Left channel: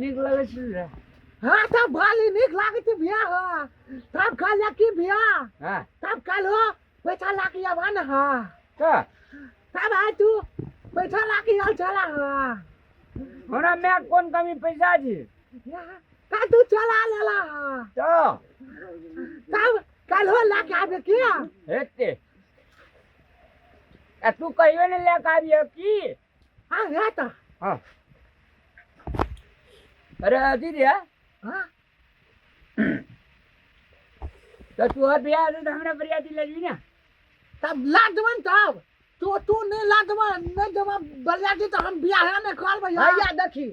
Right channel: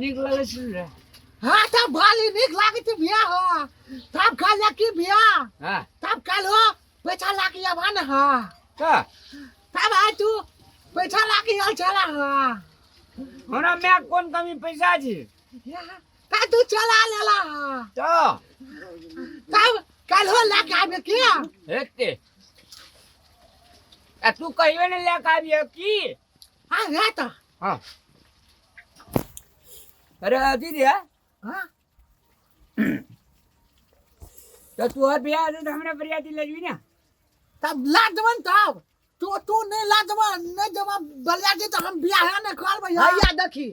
नीक लगे छी हाँ तब भाली निक लागे थी भैया हाँ तब कल की भैया हां तब कल हो पैसा लाके आवा ना हाँ का तब आय तू पैसा लाके आल चला हाँ हमरा में कौन कमी पैसा छी का तू चला लेला हाँ तो तब कल हो लाके आबे किया हेते आ तू कहियो ने लेके आबियो की हाँ है तो हां अरे अजी रे हाँ तो तू और बियाह से हमरा बरियाती लगी ना तब लादवन तब तू नहीं लादवन नहीं जब बलियाती तो हम बियाह ना कर भैया भैया देखी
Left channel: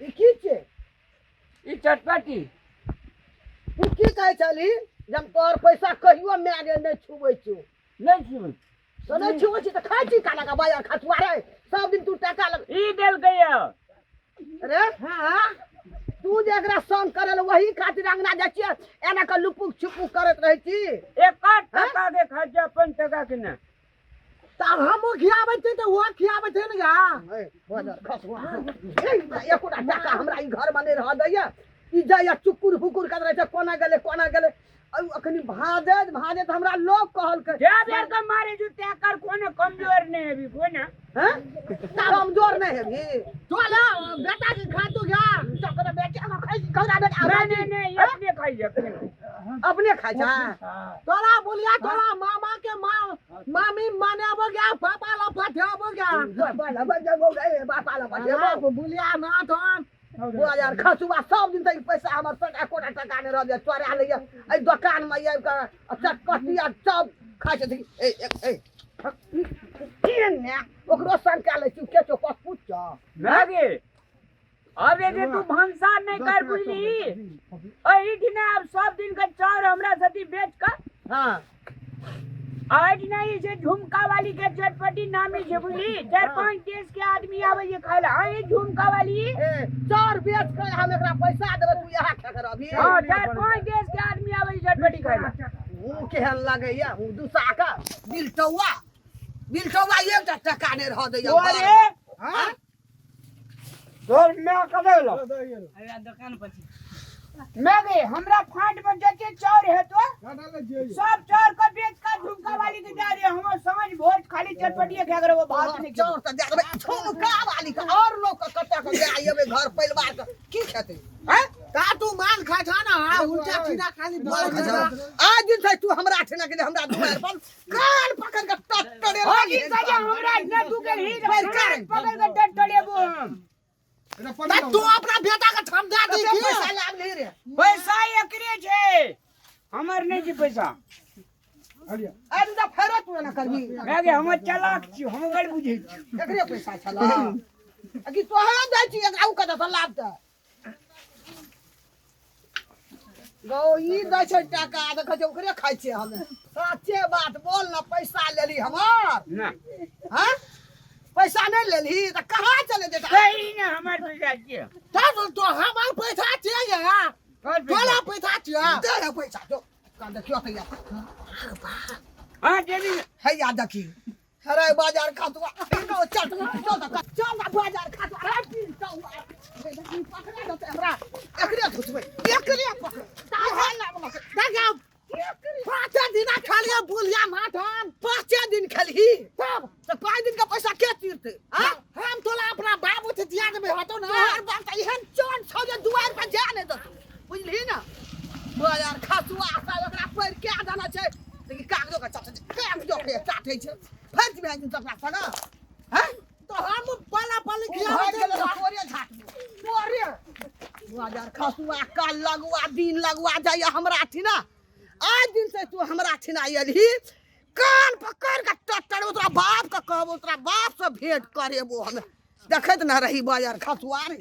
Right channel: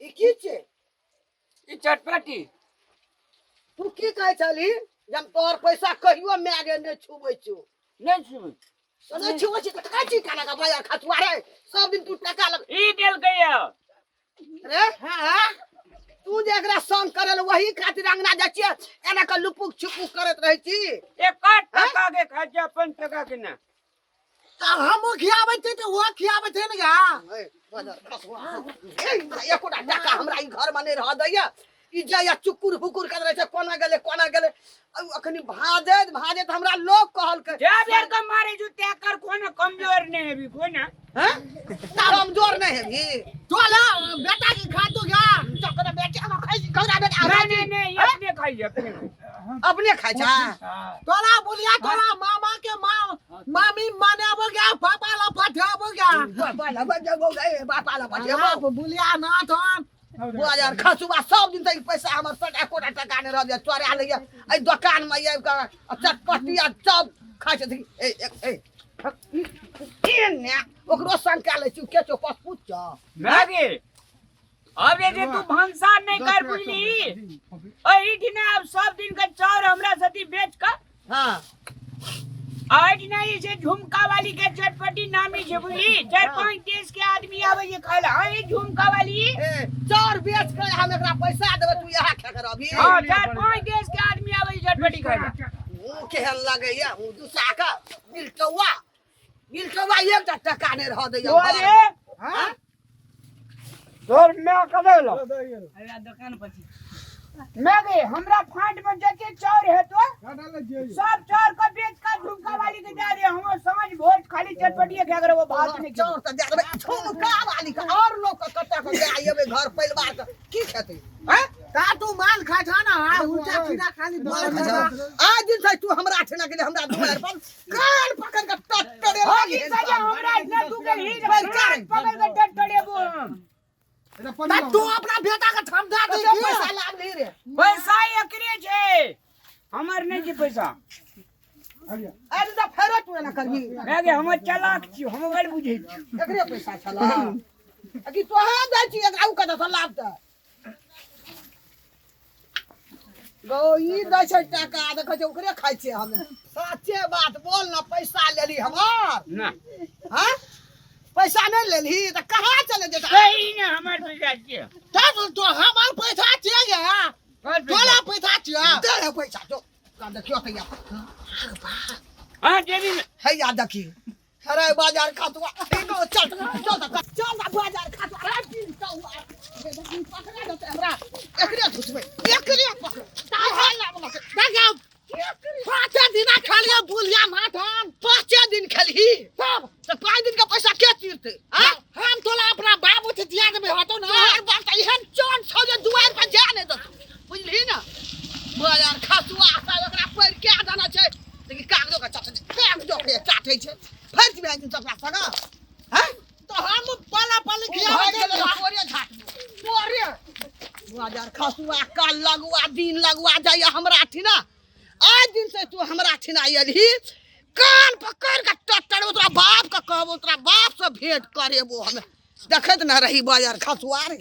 ई की छे ई चटपटी तू की कहे चली जब तोर पैसा कहियो मागे नहीं छुबै छु नहीं सुन तो नहीं छुबै छी त खाइ छी काला का बाजार खतुआ रे सब दिन तू टका लग ई देल गयो अरे हाँ तू जे एकरा संग करल वही खातिर अंगना जा छिए एना के लुपुक छुपुक करत रहे छी एक टका के खर्चा 5 टका के ना तब हम खियाबे थे तो वो खियाबे थे ना ए बाजार खतुआ ए एकोटा टका हमरा ई घर में नहीं रह दैया ई जाया चुकुर फुकुर कर रहे छै कोना गेले अखनी भाजे त हमरा लोग कहल के जे देर के मारे जो त्या कर कोने कमजोर नहीं है भी कोने हैं कमजोर नहीं है भी तो ला बेटा की खा तो क्या चकरा बेटा हम खाइ छी कौरा बेटा नहीं अपने खाइए अपने खाइ छा तोला बोलिया तोला मामा के माँ मामी माने अब गया पापा ला फटे अब गया बोला बजगो गए बापा ला बजेबो बोलिया ना तो बाजार खसुआ सब दिन तक पैसा हमर सटा कोटा टका ने रह जा चोरा लइया ए दुकान में आइब के चटपटी आ सब खाइ छै ए ने ओकरो संग के ले छी के चो पस पूछ छ मैगे अब ये तू भंसार नहीं कर बुझली एही दिन अब सब दिन का चाउर हमरा सती बेच का हां आज नहीं से झुमका वाली के चटपटी नामी छे बुझली 4-5 देश के आदमी आवे ये खाइला ए झुमका वाली चार बेच के हम एकरा पैसा देबे तू यहा खा कर अभी हां 4-5 देश के आदमी आवे ये चटपटी खाइला केहन लागैया दूसरा का बिलटौवा एक टका ने रह दैया अरे हां तोर मैं कदेला अरे दुकान पर मैगे हमरा फांट में जते चाउर है तो सब चाउर का बेच का झुमका वाली के दे दे हम समझ वोट खाली चटपटी क्या करे वो बात नहीं चाउर त दे देबे झुमका वाली का और लोग का कत्ता के दे आइबे घर परिवार का की खेते हैं का तू माल खा था ना हां उल्टा सीधा खाली मार खा जा आज दिन से तू हमरा ठेना के हमरा दुआर पर कान पकड़ के टटड़े होगी सजा हमरा इतना तू के ही पकड़ के टटड़ेबो तू अपना बेटा का समझा दे पैसा लाभ नहीं रे पैसा एकरे छे हमर नहीं छी पैसा आज त फेरो तू ना करबी मैगे हम चालाक छी हम गड़ बुझै छी एकरे पैसा छला अकी तोहे दै छी एकरा उ कत लाभ त गो ई दै छै टका देख छै ओकरे खाइ छै हमे सच्चे बात बोल ना पैसा लेली हमर ना हां पैसा नहीं लेली त कहां चले देता सही ना हमर पैसा छी तब तो हमार पैसा चाहिए तोला पैसा चाहिए दे पैसा जो का देखियो त या हां जेबी है या देखी अरे बाजार खतुआ इनो चल बाजार खतुआ रे दिन तो देखी पकड़ा दे हमरा एकरे धुसबे एकरे पकड़ ताहा लागल देखा 5 दिन खाली बुलिया माठन 5 दिन खली तब तो 5 दिन का पैसा के तीरते हां हम तोला अपना बाबू से दिया देबे हतो ना हर बात एहन चोन छौ दुआर पर जाने दत बुझली ना बाजार खतुआ सा ओकरा पर के जाना छै देखि कागजो का कागजो के काटै छै फर्ज में दिन तक सगा हां तो हम पाला पाली खियावे गेल तोरे झाट तोरे बाजार खतुआ काल लगवा दिन लगवा जाय हमरा ठिना आज दिन से तू हमरा ठिना आइली कान पकड़ के टट्टर तोरा बाप का कहबो तोरा बाप से भेंट करेबो हम देखत ना रही बाजार खतुआ रे